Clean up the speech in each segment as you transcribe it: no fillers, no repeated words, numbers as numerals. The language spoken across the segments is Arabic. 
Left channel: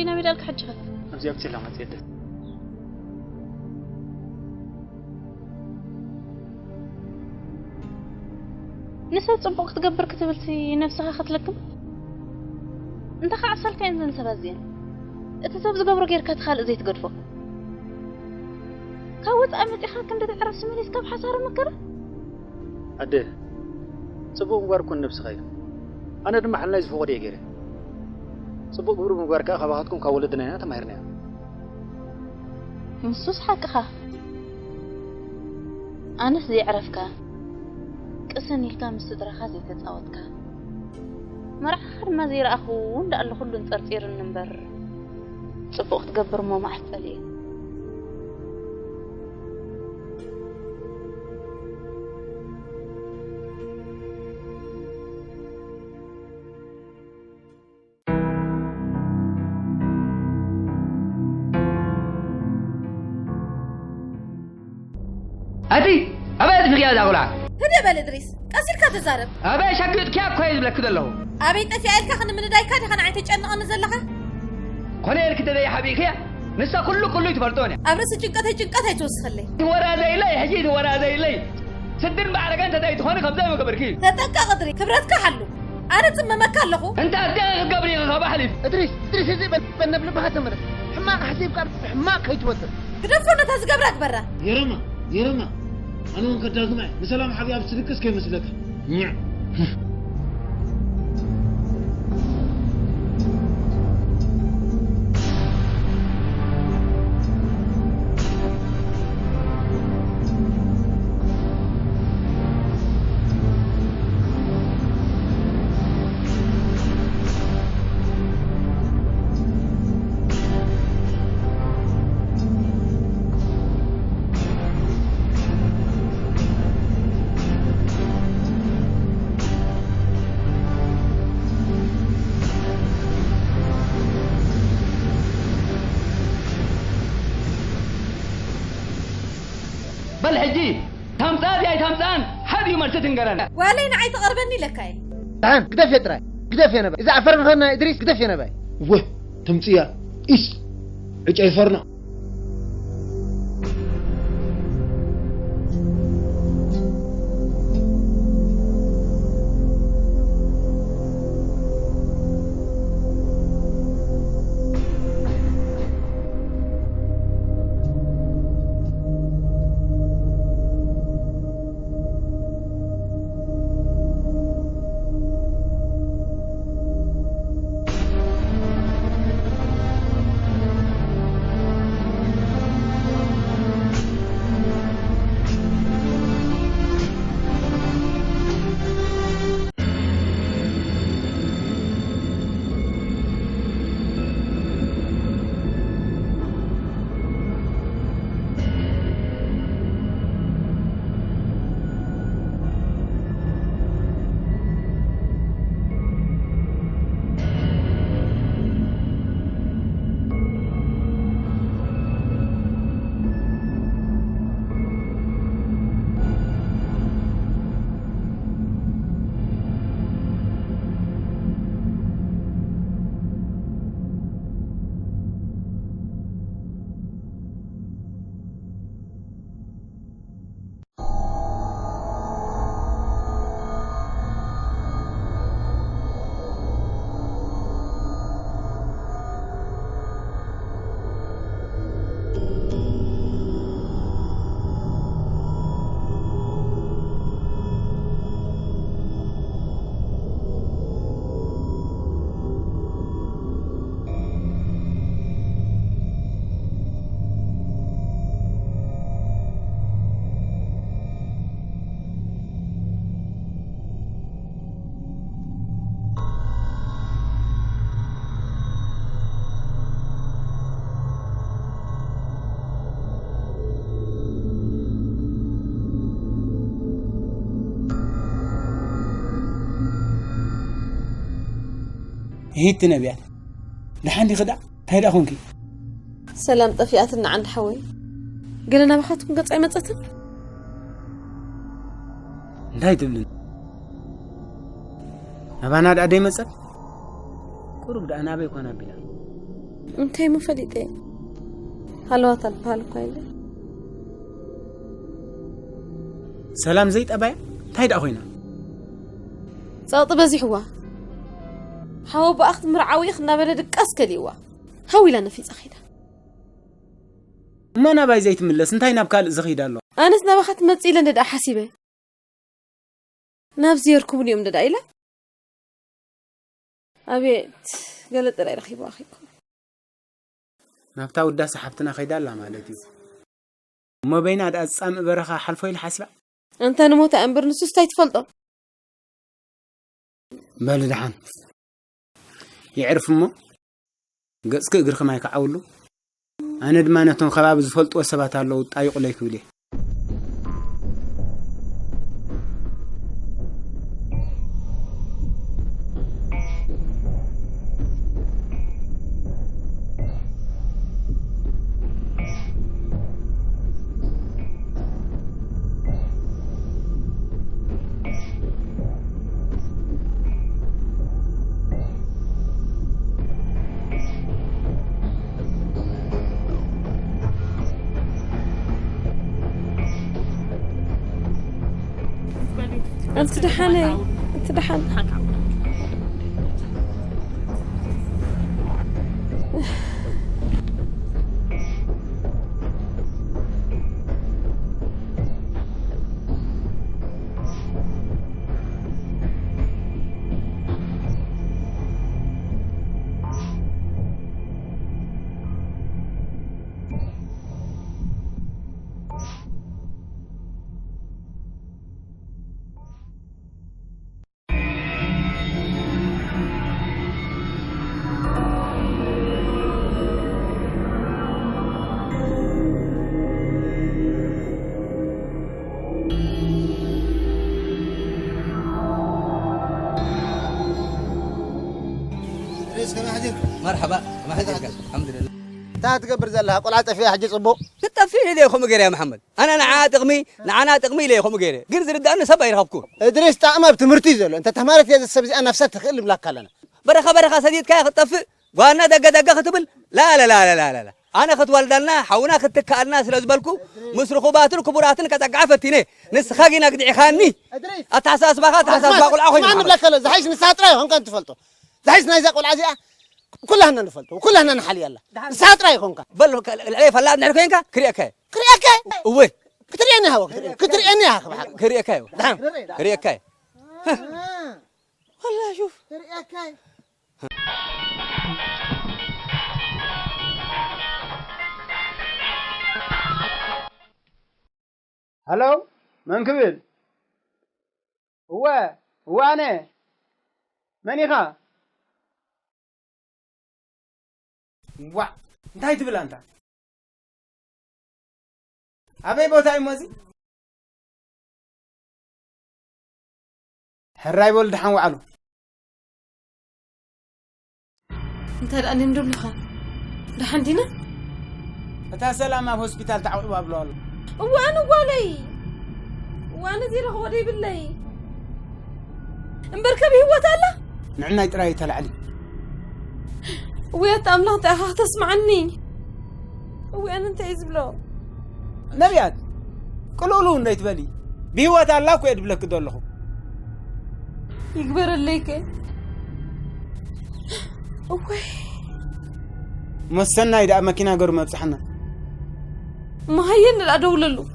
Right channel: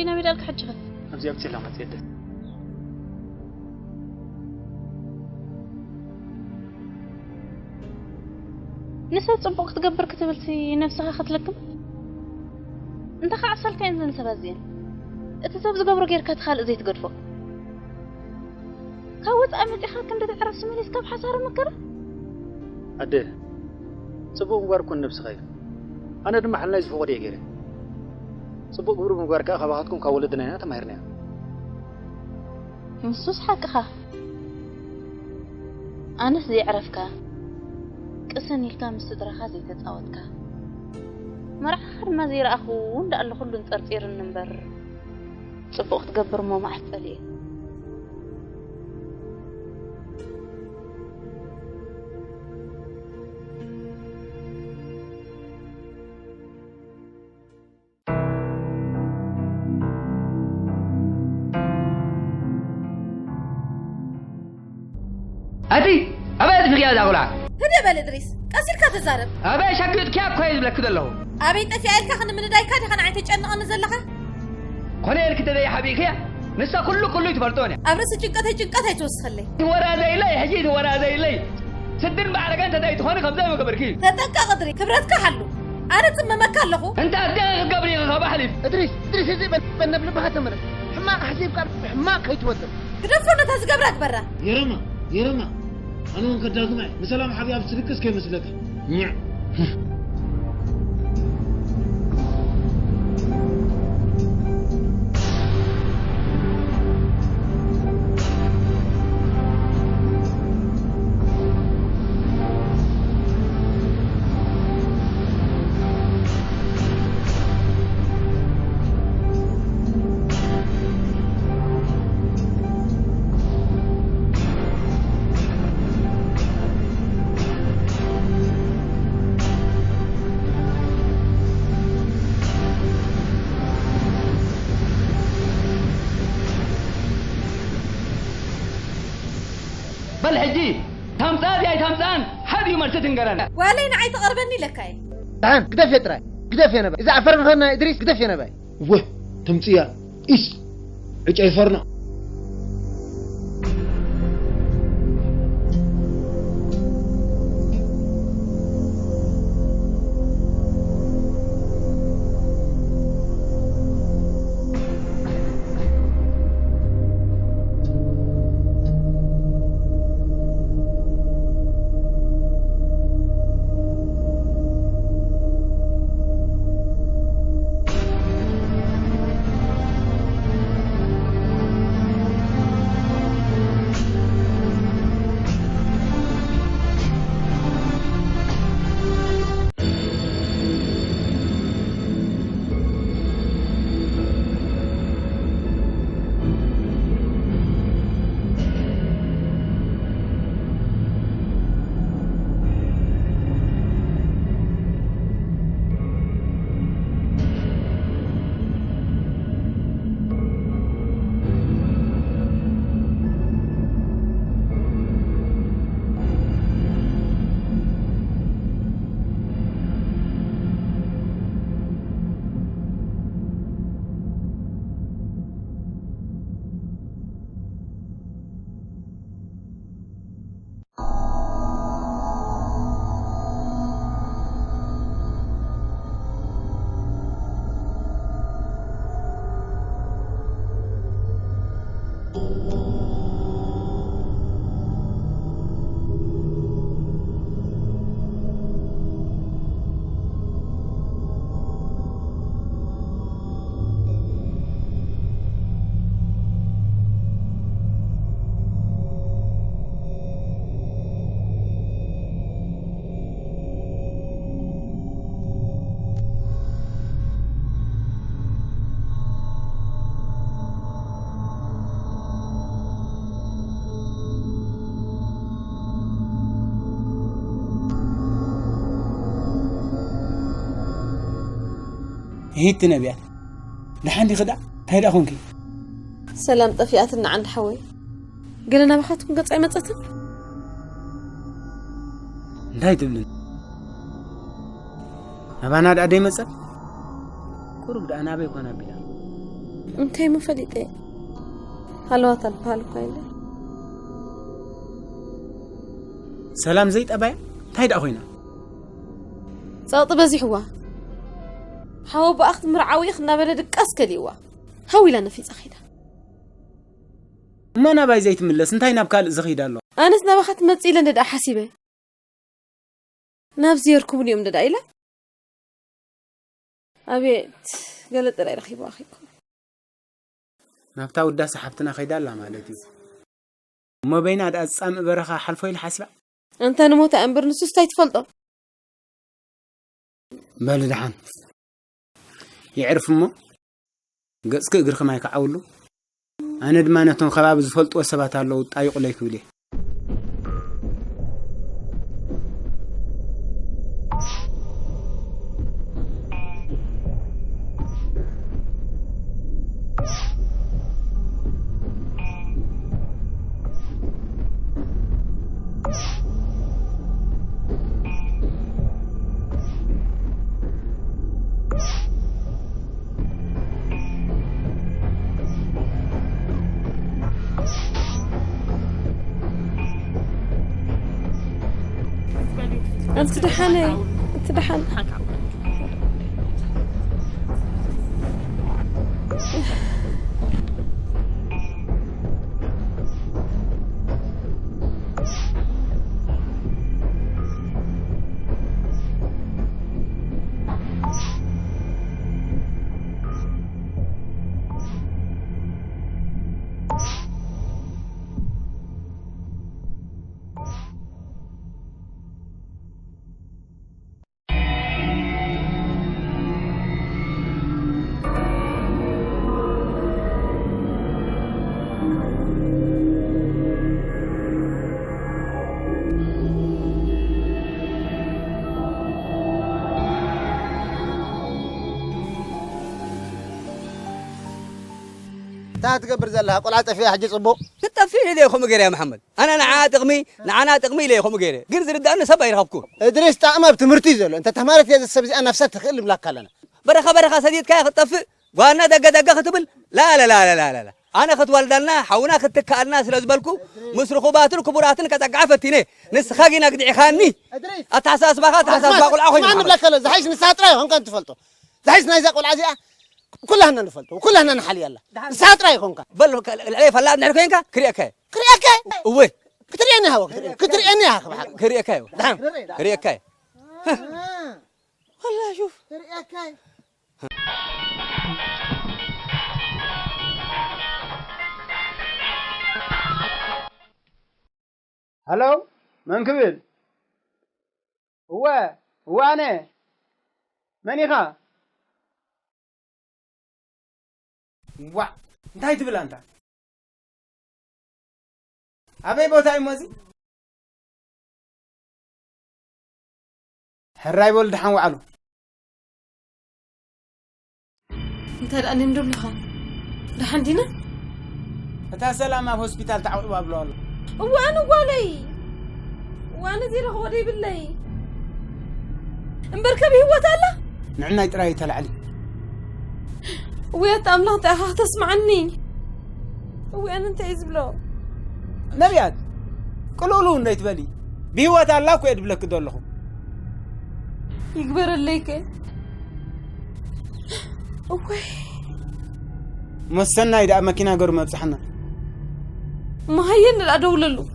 دينا بيدالك حجها أبزي أبتي لما تيدت نسبة صبوك تقبر كتبلتي نفسها خطلكم انت خعصل كاين زن سبازين اتساب زقبر غير كتخال زي تقدفو كاوت أمتي خاكم دا تعرف سمينيس كاب حسار مكرة أده صبوك مباركون نفس خير أنا دم محل نايز فوق دي غيري صبوك برو مباركة خباهاتكم كاولدنا هنا تمهرنا مسوس حقها أنا سدي عرفك قسن يلكا مستدرخا زي تتصاوتك مرح خد ما زي رأخو وندا الله كله نطرطير النمبر صبوك تقبر مو محفلي أتي أبي تفيا داغلا هدي بالإدريس أسير كاتزارب أبي شكيت كيف كويس بلك كده له أبي أنت في عيلك خن من دايكاتي خن عيتك أنا نزلها خليك كده يا حبيبي نسا كله يتبرتوني أبرس جنكتها توسخلي ورا ذي لي هجيت ورا ذي لي سدر بعرق أنت دايت خاني خبزة ما كبركي تتكا قدري كبرتك حلو أنا تم مكان له أنت أديك قبري غابة حليف إدريس زي بنبل بها تمرس حماق حسيب كار حماق هيتوتر قدفونا تزقبرك برا يرما أنا ممكن تسمع بسلام حبيبي أبسلكس كيف مسلك بل حجي تمسان يا تمسان هذه مرتين تنقرنا ولين عيت قربني لكاي تعال قدف يا ترى قدف يا نبي إذا عفرنا هنا إدريس قدف يا نبي وه تمسيا إيش عفرنا هيت نبيات لحني خدع هيدا أخونكي سلام طفياتنا عند حوي قلنا بخاتكم قطعي مصتم لا يتبلن أبانا دا داي مصت قرب دا أنا بيكون بلا انتي مفليتي هلوات البال قايله سلام زيت أبايا تايد أخوينا صوت بزيحوا حاو بأخذ مرعاوي خنا بلدك أسكليوا هاوي لنا في زخيدة ما أنا باي زيت ملس انتي نابكال زخيدة الله أنا سنبخت متسيلا ندى حسيبه نفسي يركبون يوم ندى إلا أبيت قالت رأي رخيبوا أخيكم نابتا ودا سحبتنا خيدا الله مالتي ما بين هذا أسام برخا حلفوي الحاسبة أنت نموت أمبر نسوس تايتفلطه بلدحان يعرف مو قصك غير ما يكعولو انا دمانتون خباب زفلط وسبات الله طايق ليك بلي أنت دحاني أنت دحان مرحبا ما حدك الحمد لله تا تقبر زلها قلعت فيها حجي صبو تطفيه لي خم غير يا محمد انا نعاتقمي نعناتقمي لي خم غير غير ردان سبا يرهبكون ادريس تعمى بتمرتي زلو انت تمارت يا السبزي انا نفسها تخل بلاك لنا برخه سديد كاي خطف وانا دق ختبل لا لا لا لا لا لا انا خت والدنا حونا ختك الناس لزبلكو مسرخوباتن كبراتن كتقعفتيني نسخاغينا قدعي خاني ادريس اتحساس باخات حساس باقول اخوي ما بلاك لا زحيش نساترا هم كان تفلطوا زحيش نايزق والعزيا كلها نفلتوا وكلها نحل يلا ساعات رايك هونك بل العيف لا نعرفينك كريكاي وي كتريني هوا كتريني هوا كريكاي نعم كريكاي والله شوف كريكاي هلو من كبل هو أنا من يخا وا انتهي تبل أنت أبي بوتاي موزي حراي بول دحان وعلو أنت الآن ندور لخا دحان دينا أتا سلامة في هوسبيتال تعوضوا أبلول وأنا زي رخو ودي بالله مبركبي هو تالا نعنا يتراي تلعلي ويا تأمله تأخذ تسمعني وأنا أنت إزبلو نبيات كلولون دايت بالي بيوات الله كو يدبلك دولخو يكبر الليك اوه مسنا يدا ماكينه غير مبصحنا ما هين الادوللو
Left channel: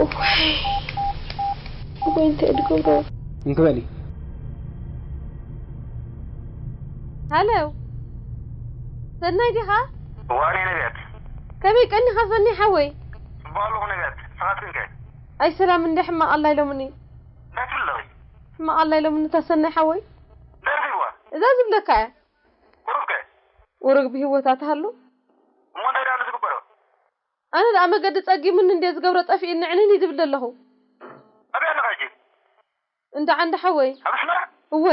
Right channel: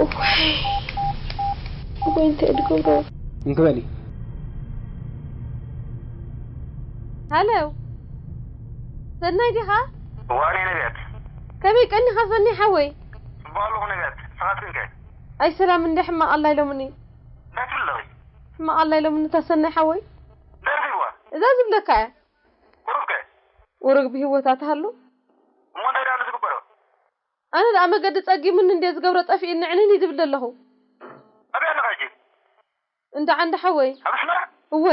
اوه انت ادغورو انكبلي هلو سناي دي ها واني نبيت كمي كني خفني حوي بالو نبيت فاتنك اي سلام من حما الله يلومني لا تلغي حما الله يلومني تسني حوي لا فيوا اذا زبلك ورقه ورق بهوتات هلو مو دا انا زغبرو انا لا ما قد تصقي من اندي زغبره طفي ان عيني يدبل له ابي انا غاجي انت عند حوي ابسمع هو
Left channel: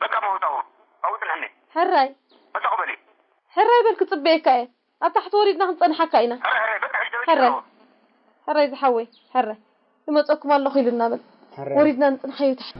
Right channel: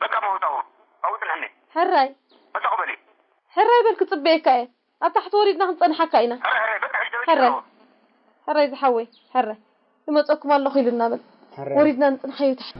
بقى موتاو او تلحني حراي ما تقبلي حراي بالك طبيكاي تحت وريدنا نصنحك اينا هاي بقى حراي زحوي حراي لما تقوم الله خيلنا بل وريدنا نصنحيو تحت